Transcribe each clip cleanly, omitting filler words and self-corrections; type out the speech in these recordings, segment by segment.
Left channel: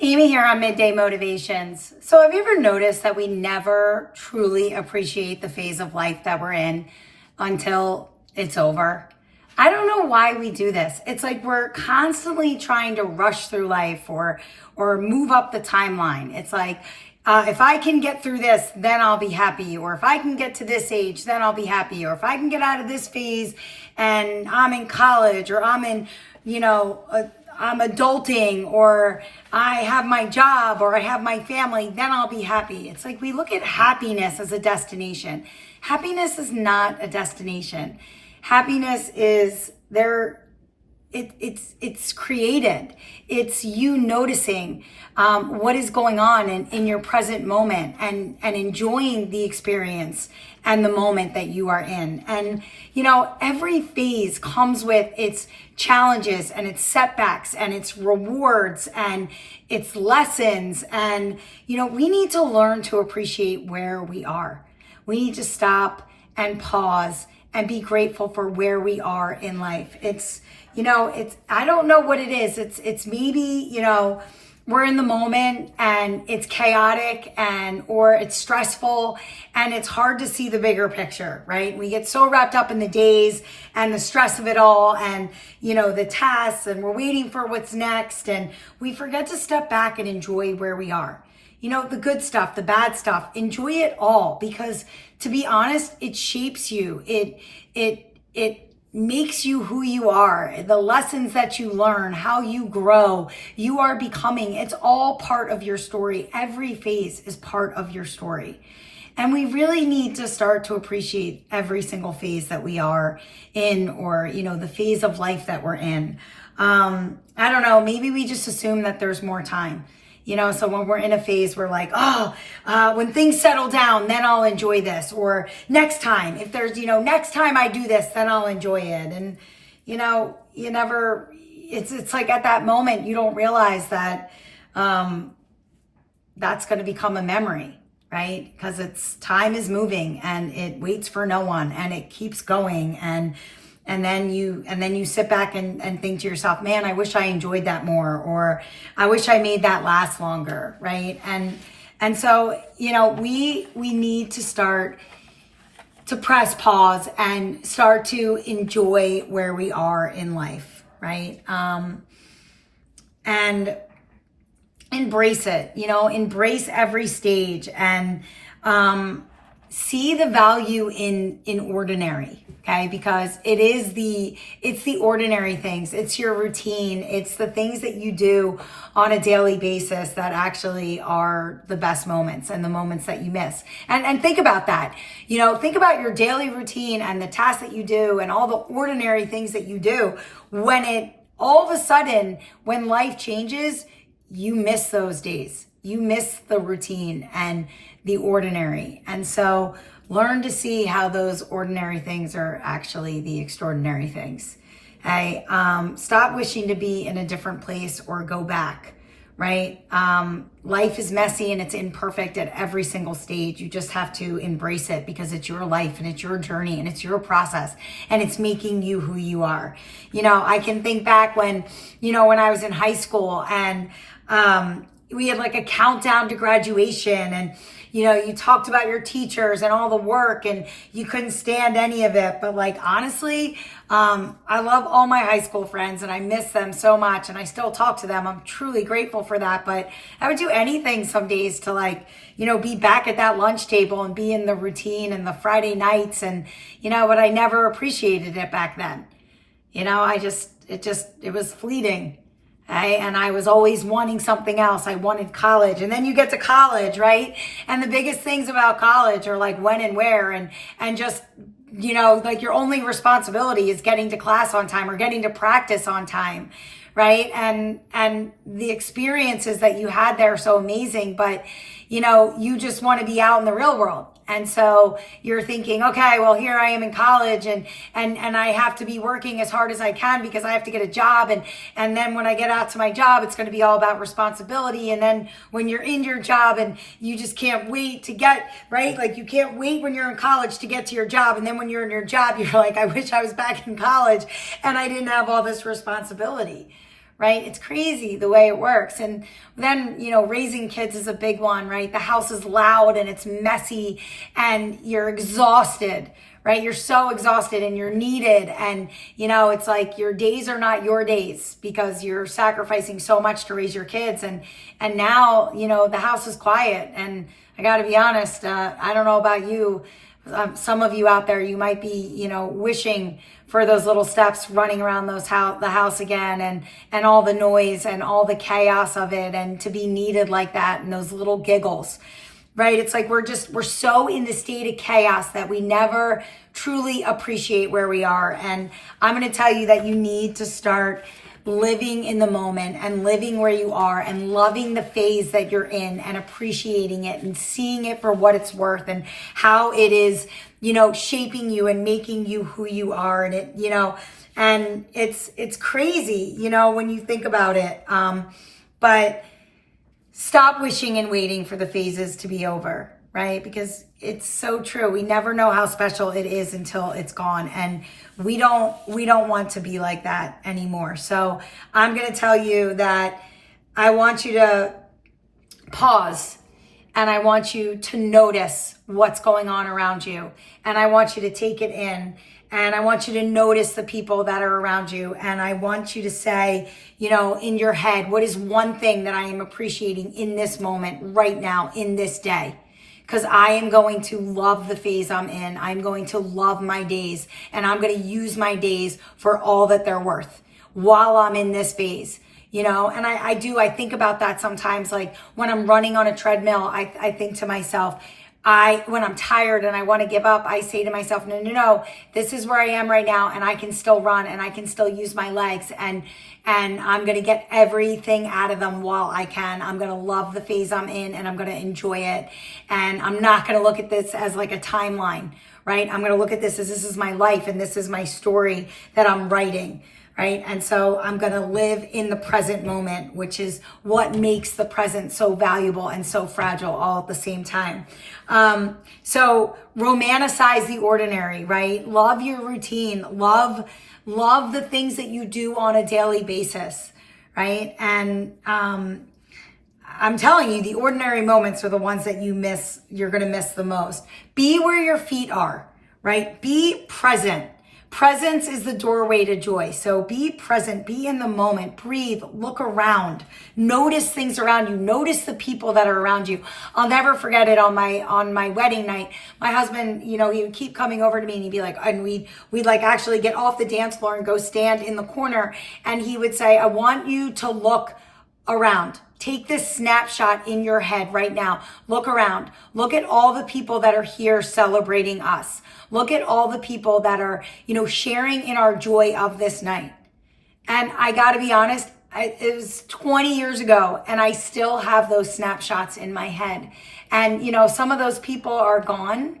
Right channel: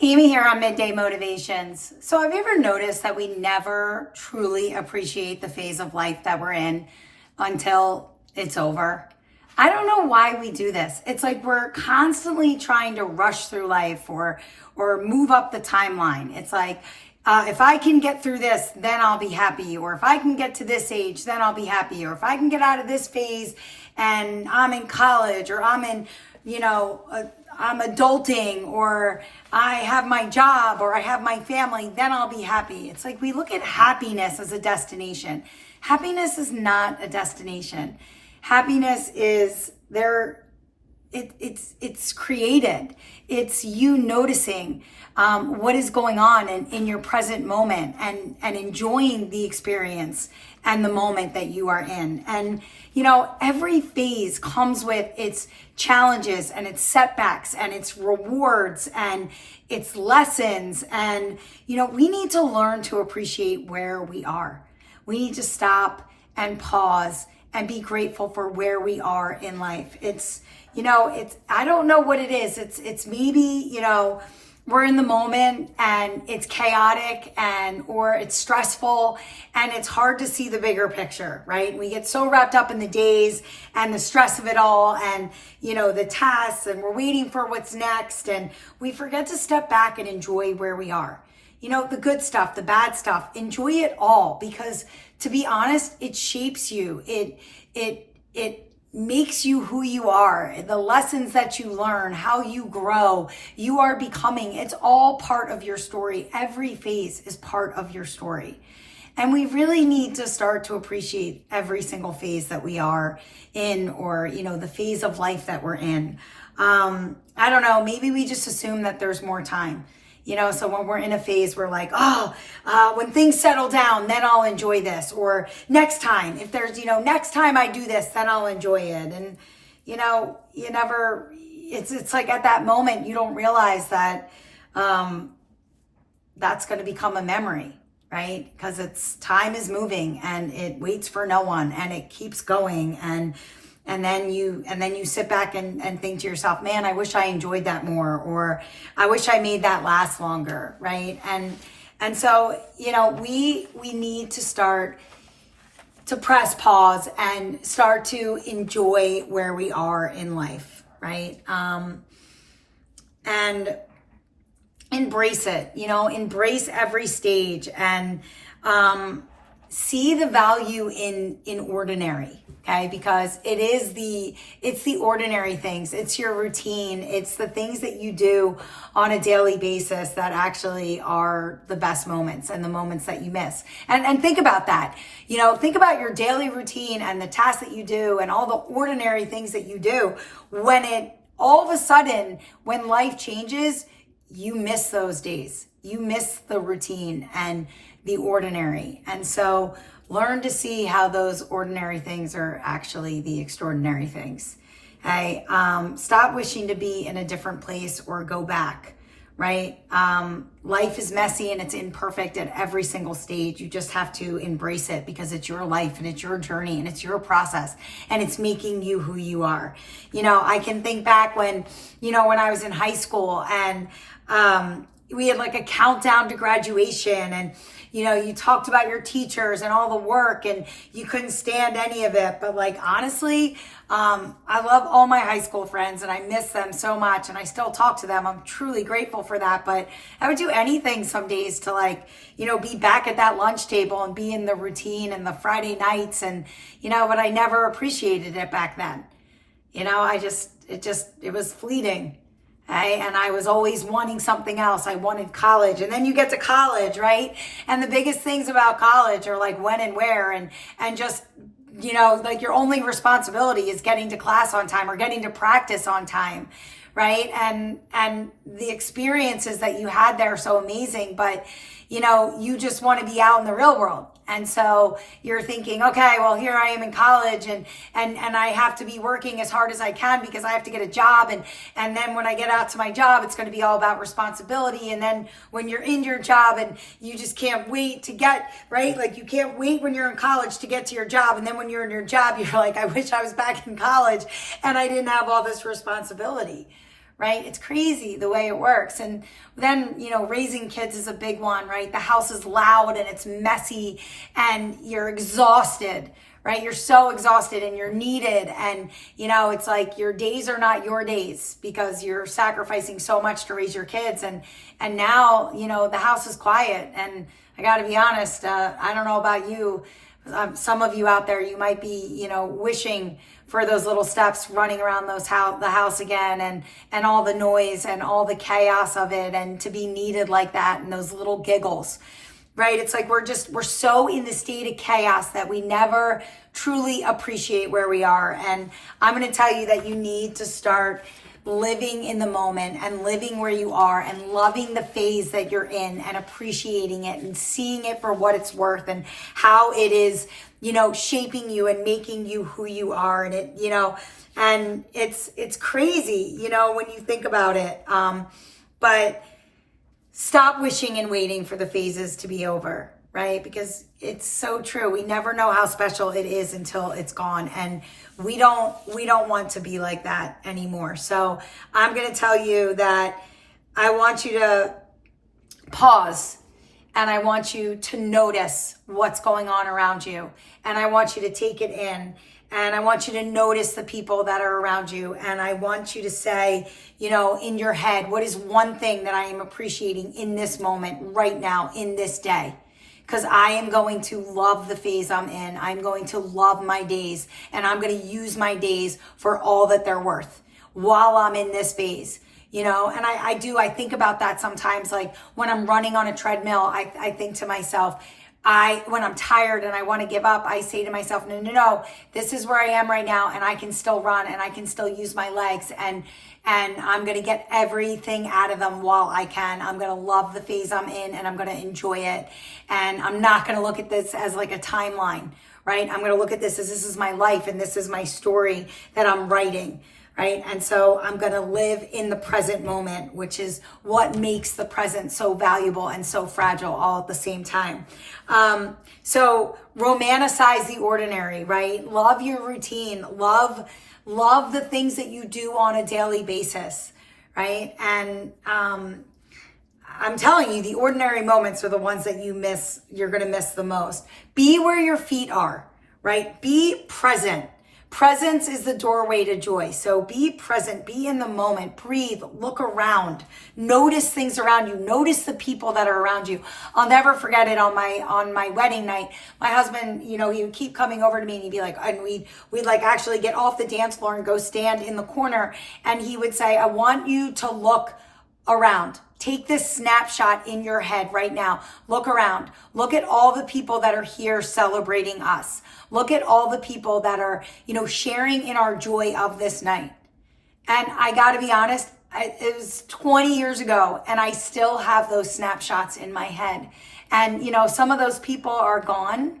Amy here on Midday Motivations. So have you ever noticed that we never truly appreciate the phase of life that we're in until it's over? I don't know why we do this. It's like we're constantly trying to rush through life or move up the timeline. It's like, if I can get through this, then I'll be happy. Or if I can get to this age, then I'll be happy. Or if I can get out of this phase and I'm in college or I'm in, I'm adulting or I have my job or I have my family, then I'll be happy. It's like we look at happiness as a destination. Happiness is not a destination. Happiness is there. It's created. It's you noticing what is going on in your present moment and enjoying the experience and the moment that you are in. And, every phase comes with its challenges and its setbacks and its rewards and its lessons. And, we need to learn to appreciate where we are. We need to stop and pause and be grateful for where we are in life. I don't know what it is. It's maybe, we're in the moment and it's chaotic or it's stressful and it's hard to see the bigger picture, right? We get so wrapped up in the days and the stress of it all and, the tasks, and we're waiting for what's next, and we forget to step back and enjoy where we are. The good stuff, the bad stuff, enjoy it all, because to be honest, it shapes you. It makes you who you are. The lessons that you learn, how you grow, you are becoming, it's all part of your story. Every phase is part of your story. And we really need to start to appreciate every single phase that we are in, or, the phase of life that we're in. I don't know, maybe we just assume that there's more time. So when we're in a phase, we're like, when things settle down, then I'll enjoy this. Or next time, if there's, next time I do this, then I'll enjoy it. And, you never, it's like at that moment, you don't realize that that's going to become a memory, right? Because time is moving and it waits for no one and it keeps going. And then you sit back and think to yourself, man, I wish I enjoyed that more, or I wish I made that last longer, right? And so, we need to start to press pause and start to enjoy where we are in life, right? And embrace it, embrace every stage and see the value in ordinary. Okay, because it's the ordinary things. It's your routine. It's the things that you do on a daily basis that actually are the best moments and the moments that you miss. And think about that. Think about your daily routine and the tasks that you do and all the ordinary things that you do. When all of a sudden, when life changes, you miss those days. You miss the routine and the ordinary. And so learn to see how those ordinary things are actually the extraordinary things. Stop wishing to be in a different place or go back, right? Life is messy and it's imperfect at every single stage. You just have to embrace it because it's your life and it's your journey and it's your process and it's making you who you are. I can think back when I was in high school and we had like a countdown to graduation, and you talked about your teachers and all the work and you couldn't stand any of it. But honestly, I love all my high school friends and I miss them so much and I still talk to them. I'm truly grateful for that. But I would do anything some days to be back at that lunch table and be in the routine and the Friday nights but I never appreciated it back then. It was fleeting. And I was always wanting something else. I wanted college. And then you get to college, right? And the biggest things about college are when and where and just, your only responsibility is getting to class on time or getting to practice on time, right? And the experiences that you had there are so amazing, but you just want to be out in the real world. And so you're thinking, okay, well, here I am in college and I have to be working as hard as I can because I have to get a job. And then when I get out to my job, it's going to be all about responsibility. And then when you're in your job and you just can't wait to get, right? You can't wait when you're in college to get to your job. And then when you're in your job, you're like, I wish I was back in college and I didn't have all this responsibility, right? It's crazy the way it works. And then, raising kids is a big one, right? The house is loud and it's messy and you're exhausted, right? You're so exhausted and you're needed. And, it's like your days are not your days because you're sacrificing so much to raise your kids. And now, the house is quiet. And I got to be honest, I don't know about you. Some of you out there, you might be, wishing for those little steps running around the house again and all the noise and all the chaos of it and to be needed like that and those little giggles, right? It's like we're so in the state of chaos that we never truly appreciate where we are. And I'm going to tell you that you need to start living in the moment and living where you are and loving the phase that you're in and appreciating it and seeing it for what it's worth and how it is, shaping you and making you who you are. And it, and it's crazy, when you think about it. But stop wishing and waiting for the phases to be over, right? Because it's so true. We never know how special it is until it's gone. And we don't want to be like that anymore. So I'm going to tell you that I want you to pause and I want you to notice what's going on around you. And I want you to take it in. And I want you to notice the people that are around you. And I want you to say, in your head, what is one thing that I am appreciating in this moment, right now, in this day? Because I am going to love the phase I'm in. I'm going to love my days. And I'm going to use my days for all that they're worth while I'm in this phase. And I think about that sometimes, like when I'm running on a treadmill, I think to myself, when I'm tired and I want to give up, I say to myself, no, this is where I am right now and I can still run and I can still use my legs and I'm going to get everything out of them while I can. I'm going to love the phase I'm in and I'm going to enjoy it. And I'm not going to look at this as like a timeline, right? I'm going to look at this as this is my life and this is my story that I'm writing, right? And so I'm going to live in the present moment, which is what makes the present so valuable and so fragile all at the same time. So romanticize the ordinary, right? Love your routine. Love the things that you do on a daily basis, right? And I'm telling you, the ordinary moments are the ones that you're going to miss the most. Be where your feet are, right? Be present. Presence is the doorway to joy. So be present, be in the moment, breathe, look around, notice things around you, notice the people that are around you. I'll never forget it on my wedding night. My husband, he would keep coming over to me and he'd be like, and we'd like actually get off the dance floor and go stand in the corner. And he would say, I want you to look around. Take this snapshot in your head right now. Look around. Look at all the people that are here celebrating us. Look at all the people that are, sharing in our joy of this night. And I got to be honest, it was 20 years ago and I still have those snapshots in my head. And, some of those people are gone,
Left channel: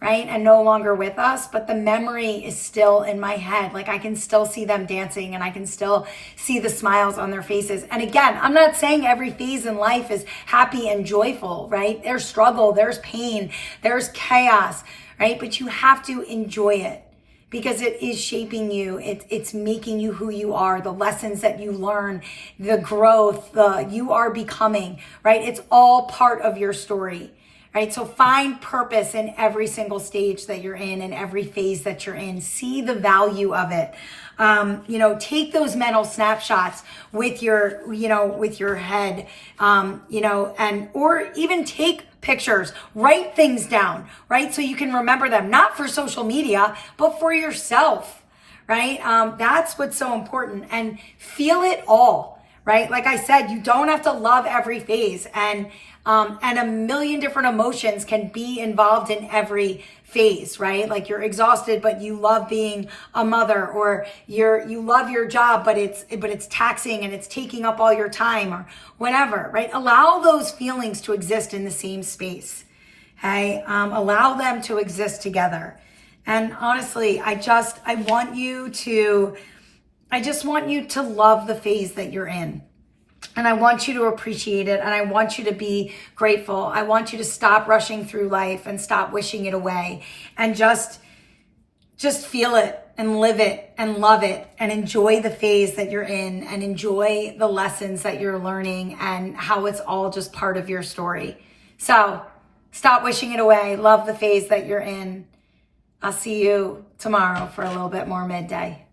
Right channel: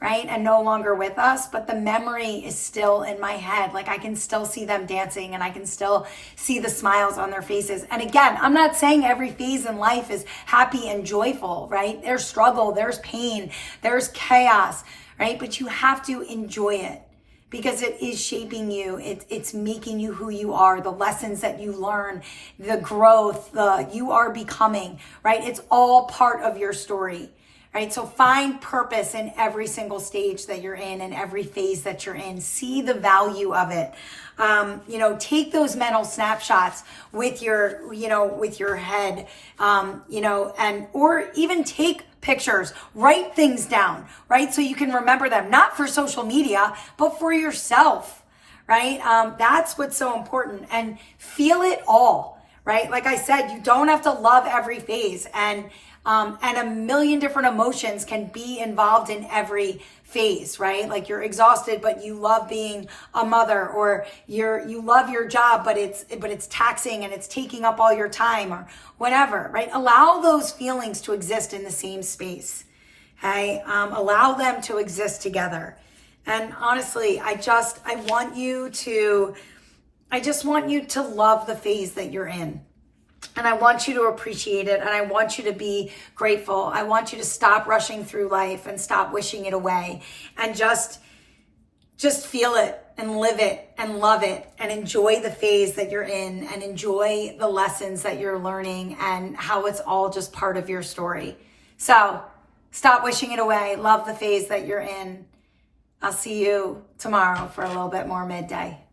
right? And no longer with us, but the memory is still in my head. Like I can still see them dancing and I can still see the smiles on their faces. And again, I'm not saying every phase in life is happy and joyful, right? There's struggle, there's pain, there's chaos, right? But you have to enjoy it because it is shaping you. It's making you who you are, the lessons that you learn, the growth, you are becoming, right? It's all part of your story. Right? So find purpose in every single stage that you're in and every phase that you're in. See the value of it. Take those mental snapshots with your head, or even take pictures, write things down, right? So you can remember them, not for social media, but for yourself, right? That's what's so important, and feel it all, right? Like I said, you don't have to love every phase, and a million different emotions can be involved in every phase, right? Like you're exhausted, but you love being a mother, or you love your job, but it's taxing and it's taking up all your time, or whatever, right? Allow those feelings to exist in the same space. Okay. Allow them to exist together. And honestly, I just want you to love the phase that you're in. And I want you to appreciate it. And I want you to be grateful. I want you to stop rushing through life and stop wishing it away, and just feel it and live it and love it and enjoy the phase that you're in and enjoy the lessons that you're learning and how it's all just part of your story. So stop wishing it away. Love the phase that you're in. I'll see you tomorrow for a little bit more midday.